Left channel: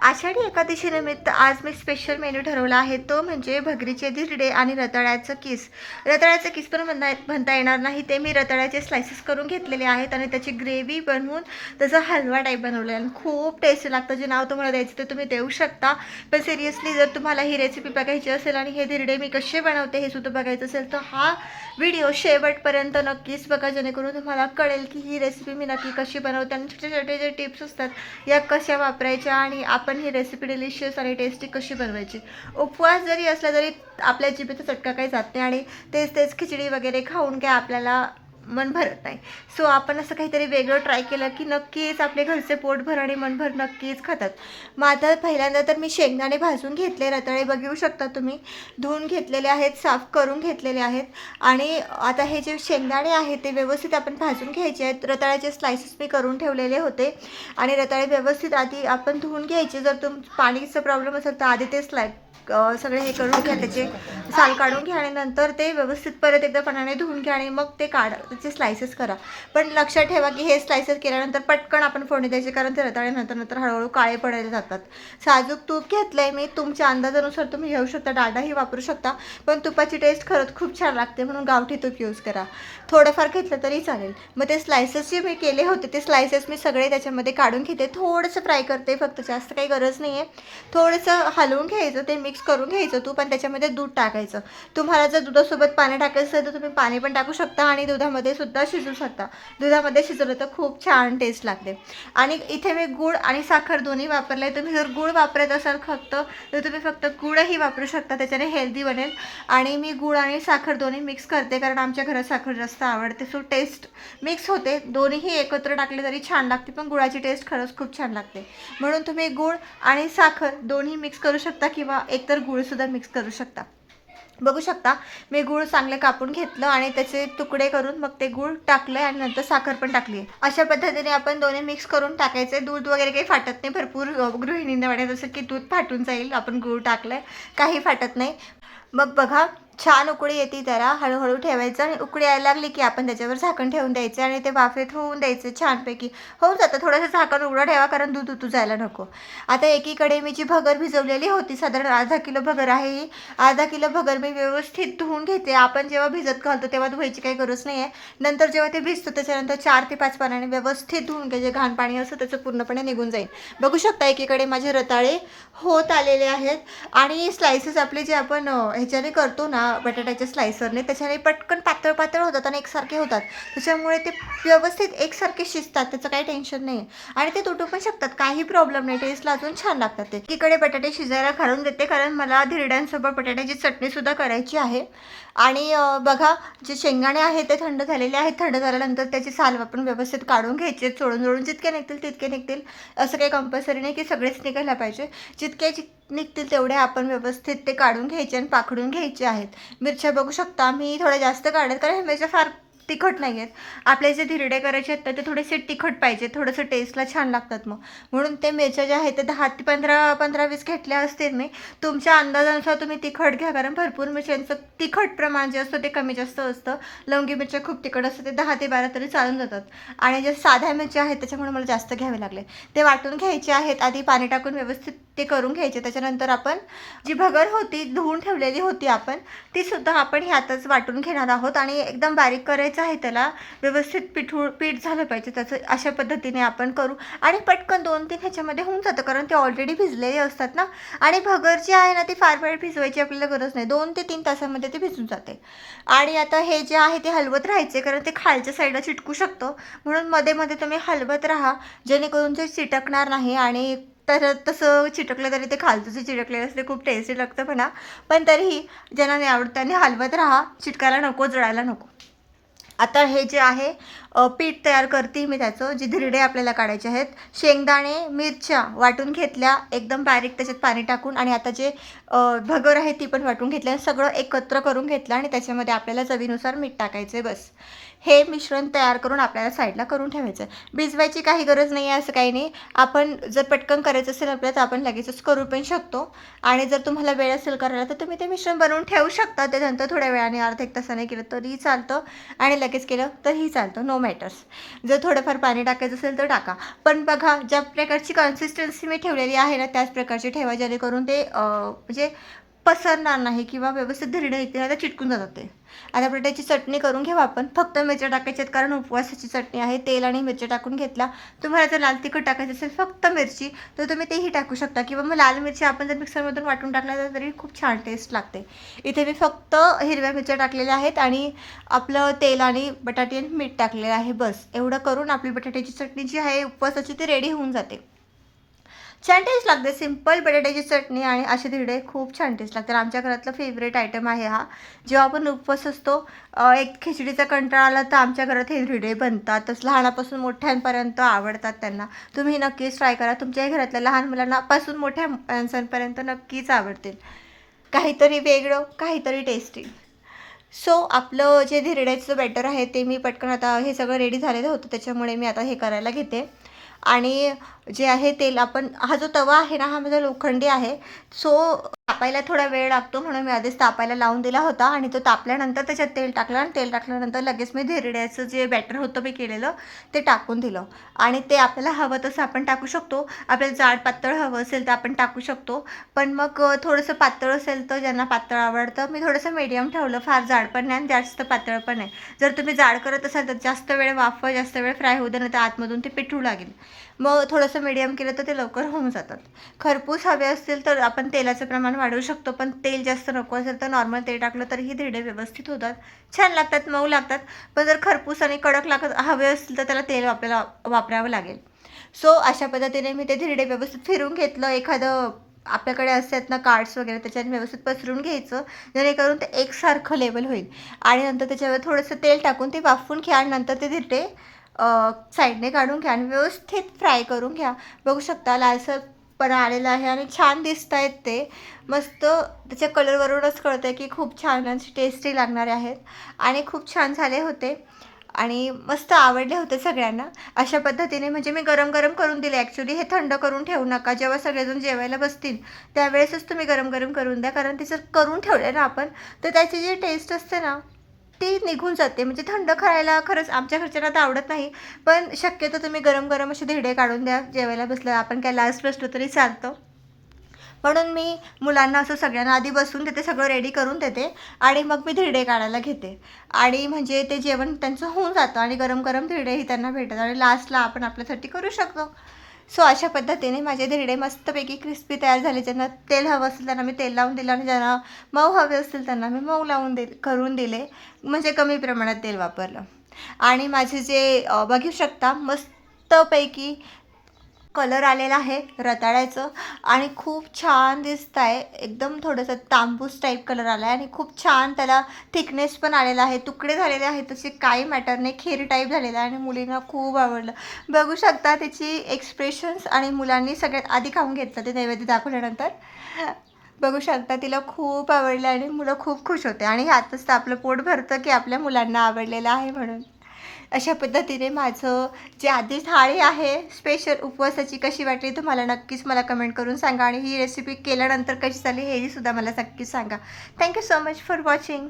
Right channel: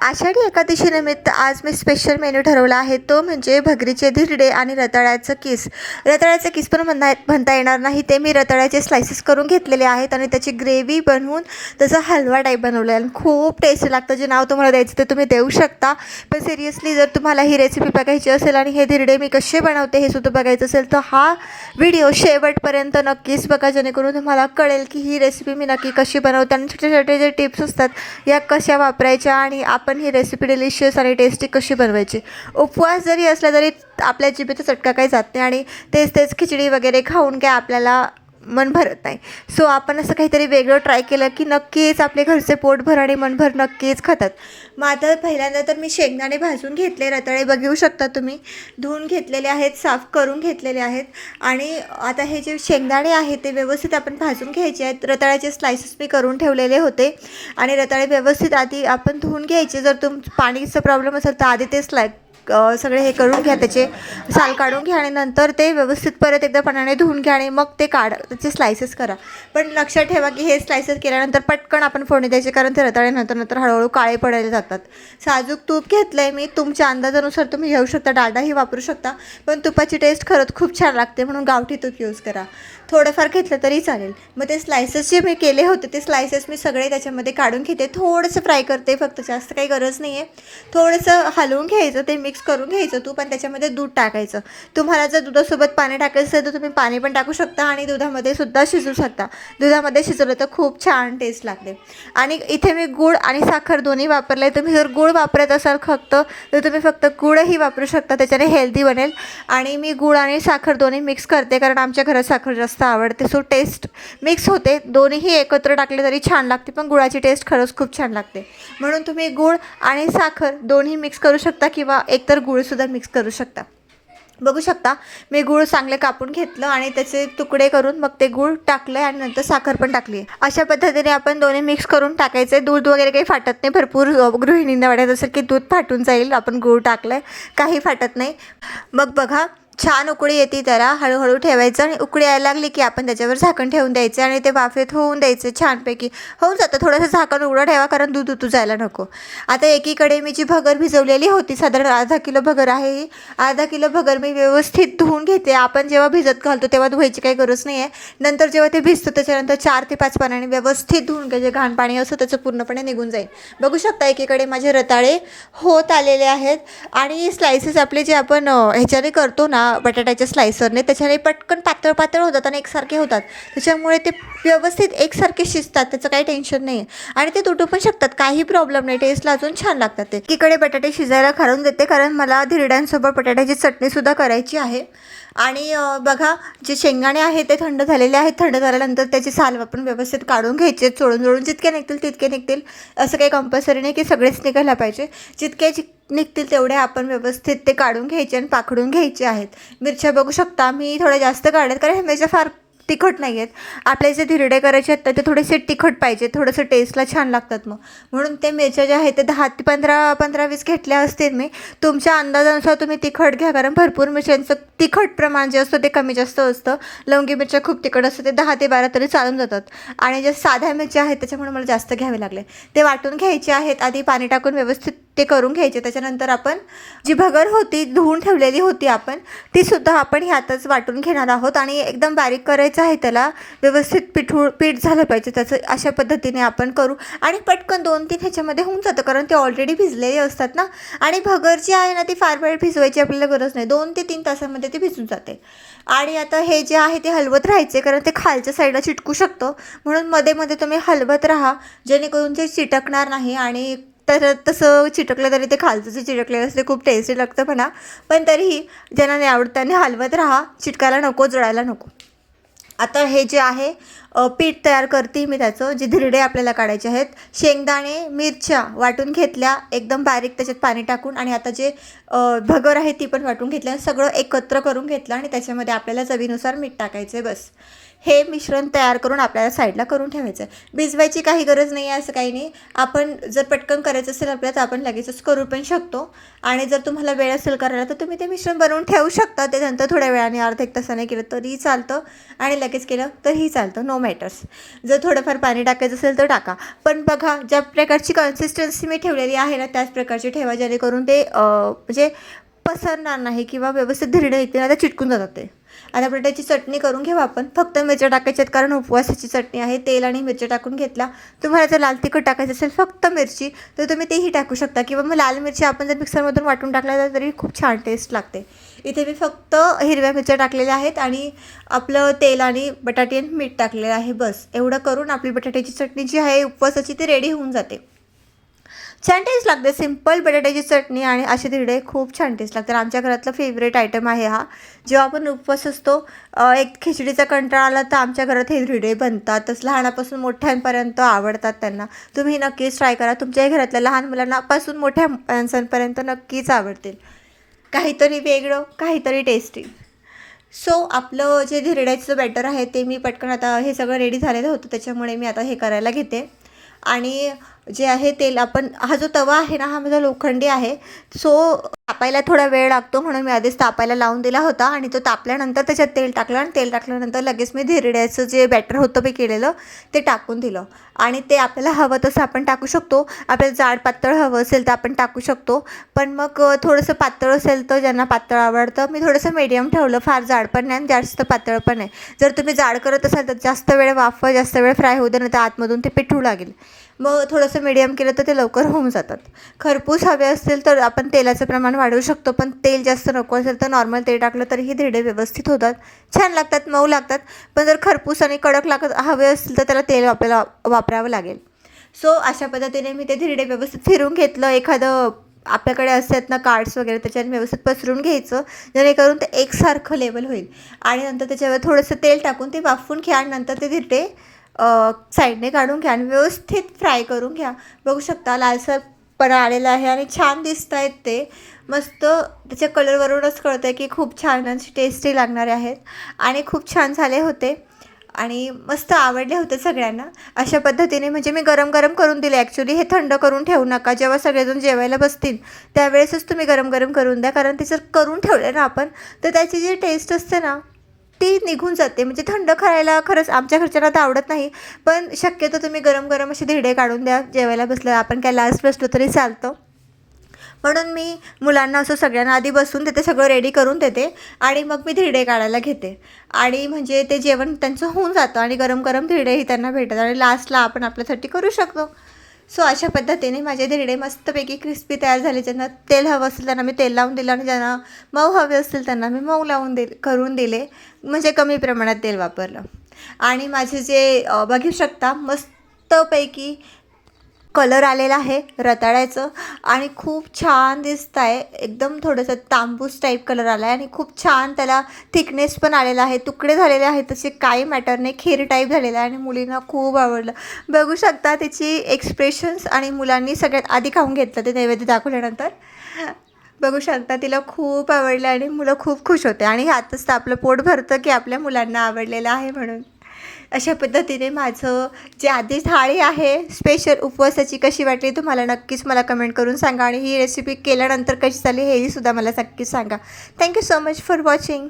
आषाढी एकादशीनिमित्त आज मी special menu ठरवला आहे, तो म्हणजे भगरीचे धिरडे आणि रताळ्याचं किस. रताळ्याचं किस पण म्हणता येणार नाही, ते मी रताळ्याचे स्लायसेस करून घेतलेले आहेत आणि त्याची ग्रेव्ही बनवून त्याचा हलवा टाईप बनवला आहे आणि खूप टेस्टी लागतं. जे नाव तुम्हाला द्यायचं ते तुम्ही देऊ शकता. पण सिरियसली जर तुम्हाला ही रेसिपी बघायची असेल आणि हे धिरडे मी कसे बनवते हे सुद्धा बघायचं असेल, तर हा व्हिडिओ शेवटपर्यंत नक्कीच बघा, जेणेकरून तुम्हाला कळेल की ही रेसिपी मी नक्की कशी बनवते आणि छोटे छोटे जे टिप्स असतात या कशा वापरायच्या आणि आपण ही रेसिपी डिलिशियस आणि टेस्टी कशी बनवायची. उपवास जरी असला तरी आपल्या जिभेचा चटका काही जात नाही आणि तेच तेच खिचडी वगैरे खाऊन काय आपल्याला मन भरत नाही. सो आपण असं काहीतरी वेगळं ट्राय केलं की नक्कीच आपले घरचे पोटभर आणि मनभर नक्कीच खातात. मग आता पहिल्यांदा तर मी शेंगदाणे भाजून घेतले, रताळे बघू शकता तुम्ही, धुवून घेतलेले आहेत, साफ करून घेतलेले आहेत. आणि आता हे जे शेंगदाणे आहेत ते व्यवस्थित आपण भाजून घ्यायचे आहेत. रताळ्याचे स्लायसेस मी करून ठेवलेले होते आणि रताळे व्यवस्थित आधी आपण धुवून घ्यायचे. जर पाणीचा प्रॉब्लेम असेल तर आधी ते सगळे हे करून घ्या, त्याचे साल काढून घ्या आणि नंतर ते व्यवस्थित परत एकदा पाण्याने धुवून घ्या आणि मग ते त्याचे स्लायसेस करा. पण लक्षात ठेवा की हे स्लायसेस केल्यानंतर पटकन आपण फोडणी द्यायची, कारण ते रताळे नंतर हळूहळू काळे पडायला जातात. साजूक तूप घेतलं आहे मी, तुमच्या अंदाजानुसार तुम्ही घेऊ शकता, डालडाही वापरू शकता, पण तुपाची टेस्ट खरंच खूप छान लागते म्हणून गावठी तूप यूज करा. थोडंफार घेतलं तरी चालेल. मग ते स्लायसेस जे मी केले होते ते स्लायसेस मी सगळे त्याच्यामध्ये काढून घेते, थोडंसं फ्राय करते, फक्त जास्त काही गरज नाही आहे. थोडंसं हलवून घ्यायचं, ते मिक्स करून घ्यायचं तूप आणि त्याच्यामध्ये दूध टाकायचं. तुम्हाला जर दुधासोबत पाणी टाकायचं असेल तर तुम्ही पाणी पण टाकू शकता आणि दुधामध्ये सुद्धा शिजवू शकता. दुधामध्ये शिजवलं तर खूप छान टेस्ट लागते. आणि इथे मी गूळ आणि साखर दोन्ही वापरले. तुम्ही जर गूळ वापरत असाल फक्त तर तुम्ही फक्त गूळही वापरू शकता, त्याच्याने हेल्दी बनेल. आणि मी गूळ आणि साखर दोन्ही मिक्स करते, कारण आमच्या घरात साखर जास्त आवडते. सो टेस्ट मिक्स होते, दोन्हीही एकत्र टाकले तरी छान लागते, पण गुळाची टेस्ट खरंच खूप छान लागते. म्हणून तुम्ही गूळ आणि साखर दोन्ही मिक्स करू शकता किंवा एकतर गूळसुद्धा मिक्स करू शकता. बघू शकता मी गूळ चांगले कापून घेतलं आणि त्याचे तुकडे करून मग ते गूळ टाकले आणि नंतर साखर पण टाकली. अशा पद्धतीने आपण दोन्ही मिक्स करून टाकायचे. दूध वगैरे काही फाटत नाही. भरपूर गृहिणींना वाटत असेल की दूध फाटून जाईल, आपण गूळ टाकलं आहे, काही फाटत नाही. मग बघा छान उकळी येते, जरा हळूहळू ठेवायचं आणि उकळी यायला लागली की आपण त्याच्यावर झाकण ठेवून द्यायचं आणि ते वाफेत होऊन द्यायचे. छानपैकी होऊन जातं. थोडंसं झाकण उघडं ठेवा, कारण दूध उतू जायला नको. आता एकीकडे मी जी भगर भिजवलेली होती, साधारण अर्धा किलो भगर आहे ही, अर्धा किलो भगर मी व्यवस्थित धुवून घेते. आपण जेव्हा भिजत घालतो तेव्हा धुवायची काही गरज नाही आहे. नंतर जेव्हा ते भिजतं त्याच्यानंतर 4 ते 5 पाण्याने व्यवस्थित धुवून घ्यायचे. घाण पाणी असतं त्याचं पूर्णपणे निघून जाईल. बघू शकता एकीकडे माझे रताळे होत आलेले आहेत आणि स्लायसेस आपले जे आपण ह्याच्याने करतो ना बटाट्याच्या स्लायसरने, त्याच्याने पटकन पातळ पातळ होतात आणि एकसारखे होतात. त्याच्यामुळे ते व्यवस्थित एकसारखे शिजतात, त्याचं काही टेन्शन नाही आहे आणि ते तुटू पण शकतात, काही प्रॉब्लेम नाही. टेस्टला अजून छान लागतात ते. एकीकडे बटाटे शिजायला घालून देते, कारण मला धिरड्यांसोबत बटाट्याची चटणीसुद्धा करायची आहे. आणि बघा जे शेंगदाणे आहेत ते थंड झालेले आहेत. थंड झाल्यानंतर त्याची साल आपण व्यवस्थित काढून घ्यायचे, चोळून जितके निघतील तितके निघतील, असं काही कंपल्सरी नाही की सगळेच निघायला पाहिजे. जितके निघतील तेवढे आपण व्यवस्थित ते काढून घ्यायचे आणि पाखडून घ्यायचे आहेत. मिरच्या बघू शकता मी थोड्या जास्त काढल्यात, कारण हे मिरच्या फार तिखट नाही आहेत. आपले जे धिरडे करायचे आहेत ते थोडेसे तिखट पाहिजे, थोडंसं टेस्टला छान लागतात. म्हणून ते मिरच्या ज्या आहेत ते 10 ते 15-20 घेतल्या असतील मी. तुमच्या अंदाजानुसार तुम्ही तिखट घ्या, कारण भरपूर मिरच्यांचं तिखट प्रमाण जे असतं ते कमी जास्त असतं. लवंगी मिरच्या खूप तिखट असतं, ते 10 ते 12 तरी चालून जातात. आणि जे साध्या मिरच्या आहेत त्याच्यामुळे मला जास्त घ्यावे लागले. ते वाटून घ्यायचे आहेत, आधी पाणी टाकून व्यवस्थित ते करून घ्यायचे. त्याच्यानंतर आपण जी भगर होती धुवून ठेवलेली होती आपण, तीसुद्धा आपण ह्यातच वाटून घेणार आहोत आणि एकदम बारीक करायचं आहे त्याला. व्यवस्थित पीठ झालं पाहिजे त्याचं. अशा पद्धतीने आपण करू आणि पटकन 2-3 ह्याच्यामध्ये होऊन जातं, कारण ते ऑलरेडी भिजलेले असतात ना. आणि भगर जी आहे ना ती फार वेळ भिजवायची आपल्याला गरज नाही, 2 ते 3 तासामध्ये ते भिजून जाते. आणि आता हे जे आहे ते हलवत राहायचे, कारण ते खालच्या साईडला चिटकू शकतं, म्हणून मध्ये मध्ये तुम्ही हलवत राहा, जेणेकरून ते चिटकणार नाही. आणि तर तसं चिटकलं तरी ते खालचं जे चिटकलेलं असते खूप टेस्टी लागतं म्हणा, पण तरीही ज्यांना नाही आवडत त्यांनी हलवत राहा, चिटकायला नको, जळायला नको. आता हे जे आहे पीठ तयार करते मी त्याचं, जे धिरडे आपल्याला काढायचे आहेत. शेंगदाणे मिरच्या वाटून घेतल्या एकदम बारीक त्याच्यात पाणी टाकून, आणि आता जे भगर आहे ती पण वाटून घेतल्या, सगळं एकत्र करून घेतलं आणि त्याच्यामध्ये आपल्याला चवीनुसार मीठ टाकायचं आहे. बस हे मिश्रण तयार करून आपल्याला साईडला करून ठेवायचं आहे. भिजवायची काही गरज नाही आहे, असं काही नाही. आपण जर पटकन करायचं असेल आपल्याला तर आपण लगेचच करू पण शकतो. आणि जर तुम्हाला वेळ असेल करायला तर तुम्ही ते मिश्रण बनवून ठेवू शकता. त्याच्यानंतर थोड्या वेळाने अर्धा एक तासाने केलं तरी चालतं आणि लगेच केलं तरीही चालतं, नो मॅटर्स. जर थोडंफार पाणी टाकायचं असेल तर टाका. पण बघा, ज्या प्रकारची कन्सिस्टन्सी मी ठेवलेली आहे ना त्याच प्रकारची ठेवा, जेणेकरून ते म्हणजे पसरणार नाही किंवा व्यवस्थित धिरडे येतील ना तर चिटकून जातात ते. आता बटाट्याची चटणी करून घेऊ आपण. फक्त मिरच्या टाकायच्यात कारण उपवासाची चटणी आहे. तेल आणि मिरच्या टाकून घेतला. तुम्हाला जर लाल तिखट टाकायचं असेल फक्त मिरची तर तुम्ही तेही टाकू शकता किंवा मग लाल मिरची आपण जर मिक्सरमधून वाटून टाकल्या तरी खूप छान टेस्ट लागते. इथे मी फक्त हिरव्या मिरच्या टाकलेल्या आहेत आणि आपलं तेल आणि बटाटे आणि मीठ टाकलेलं आहे. बस एवढं करून आपली बटाट्याची चटणी जी आहे उपवासाची ती रेडी होऊन जाते. छान टेस्ट लागते. सिंपल बटाट्याची चटणी आणि असे धिरडे खूप छान टेस्ट लागतात. आमच्या घरातला फेवरेट आयटम आहे हा. जेव्हा आपण उपवास असतो, एक खिचडीचा कंटाळा आला तर आमच्या घरात हे धिरडे बनतातच. लहानापासून मोठ्यांपर्यंत आवडतात त्यांना. तुम्ही नक्कीच ट्राय करा. तुमच्याही घरातल्या लहान मुलांनापासून मोठ्या माणसांपर्यंत नक्कीच आवडतील. काहीतरी वेगळं, काहीतरी टेस्टी. सो आपलं जे धिरड्याचं बॅटर आहे ते मी पटकन, आता हे सगळं रेडी झालेलं होतं त्याच्यामुळे मी आता हे करायला घेते. आणि जे आहे तेल, आपण हा जो तवा आहे ना हा माझा लोखंडी आहे. सो तापायला थोडा वेळ लागतो म्हणून मी आधीच तापायला लावून दिला होता आणि तो तापल्यानंतर त्याच्यात तेल टाकलं आणि तेल टाकल्यानंतर लगेच मी धिरड्याचं जे बॅटर होतं मी केलेलं ते टाकून दिलं. आणि ते आपल्याला हवं तसं आपण टाकू शकतो. आपल्याला जाड पातळ हवं असेल तर आपण टाकू शकतो. पण मग थोडंसं पातळ असेल तर ज्यांना पातळ आवडतं, मी थोडंसं मीडियम ठेवलं. फार जाड पण नाही आणि जास्त पातळ पण नाही. जर तुम्ही जाड करत असाल तर जास्त वेळ जास्त वेळ फ्राय होऊ दे, नाही तर आतमधून ते पिठू लागेल. मग थोडंसं मीडियम केलं तर ते लवकर होऊन जातात. खरपूस हवे असतील तर आपण तेलाचं प्रमाण वाढवू शकतो, पण तेल जास्त नको असेल तर नॉर्मल तेल टाकलं तरीही धिरडे व्यवस्थित होतात, छान लागतात, मऊ लागतात. पण जर खरपूस आणि कडक हवे असतील तर त्याला तेल आपल्याला वापरावं लागेल. सो अशा पद्धतीने मी ते धिरडे व्यवस्थित फिरून घेतलं. एखादं आपल्याकडे असतात ना कार्ड्स वगैरे, त्याच्याने व्यवस्थित पसरून घ्यायचं जेणेकरून ते एकसारखं लेवल होईल. आणि नंतर त्याच्यावर थोडंसं तेल टाकून ते वाफवून घ्या आणि नंतर ते धिरडे साईडने काढून घ्या आणि व्यवस्थित फ्राय करून घ्या. बघू शकता लालसरपणा आलेला आहे आणि छान दिसत आहेत ते. मस्त त्याच्या कलरवरूनच कळतं आहे की खूप छान आणि टेस्टी लागणारे आहेत आणि खूप छान झाले होते आणि मस्त आवडले होते सगळ्यांना. अशा पद्धतीने म्हणजे मी गरम गरम करून दिले. ॲक्च्युली हे थंड करून ठेवू नका. जेव्हा सगळेजण जेवायला बसतील त्यावेळेसच तुम्ही गरम गरम करून द्या, कारण ते जर करून ठेवलं ना आपण तर त्याची जी टेस्ट असते ना ती निघून जाते. म्हणजे थंड खायला खरंच आमच्या घरच्यांना तर आवडत नाही. पण शक्यतो तुम्ही गरम गरम असे धिरडे काढून द्या. जेवायला बसलं आपण काय लास्ट बसलो तरी चालतं. म्हणून मी मुलांना असं सगळ्यांना आधी बसून देते, सगळं रेडी करून देते आणि मग मी धिरडे काढायला घेते. आणि म्हणजे ते जेवण त्यांचं होऊन जातं आणि गरम गरम धिरडेही त्यांना भेटतात आणि लास्टला आपण आपल्यासाठी करू शकतो. सो अशा पद्धतीने माझे धिरडे मस्तपैकी क्रिस्पी तयार झाले. ज्यांना तेल हवं असेल त्यांना मी तेल लावून दिलं आणि ज्यांना मऊ हवे असतील त्यांना मी मऊ लावून करून दिले. म्हणजे कमी प्रमाणात तेल वापरलं. आणि माझे जे बघू शकता मस्तपैकी कलर आलेला आहे रताळ्याचं आणि खूप छान दिसत आहे. एकदम थोडंसं तांबूस टाईप कलर आला आहे आणि खूप छान त्याला थिकनेस पण आलेला आहे. तुकडे झालेले आहेत तसे काही मॅटर नाही, खीर टाईप झालेलं आहे आणि मुलींना खूप आवडलं. बघू शकता त्याची एक्सप्रेशन्स. आणि मुलांनी सगळ्यात आधी खाऊन घेतलं ते नैवेद्य दाखवल्यानंतर. बघू शकता तिला खूप आवडलं आणि मुलं खूप खुश होते आणि ह्यातच तर आपलं पोट भरतं की आपल्या मुलांना आवडलेलं आहे म्हणून. अशा पद्धतीने माझं जे आधी थाळी आहे स्पेशल उपवासाची कशी वाटली तुम्हाला नक्कीच मला कमेंट करून सांगा आणि ही रेसिपी केल्यानंतर कशी झाली हेही सुद्धा मला नक्कीच सांगा. Thank you so much for watching.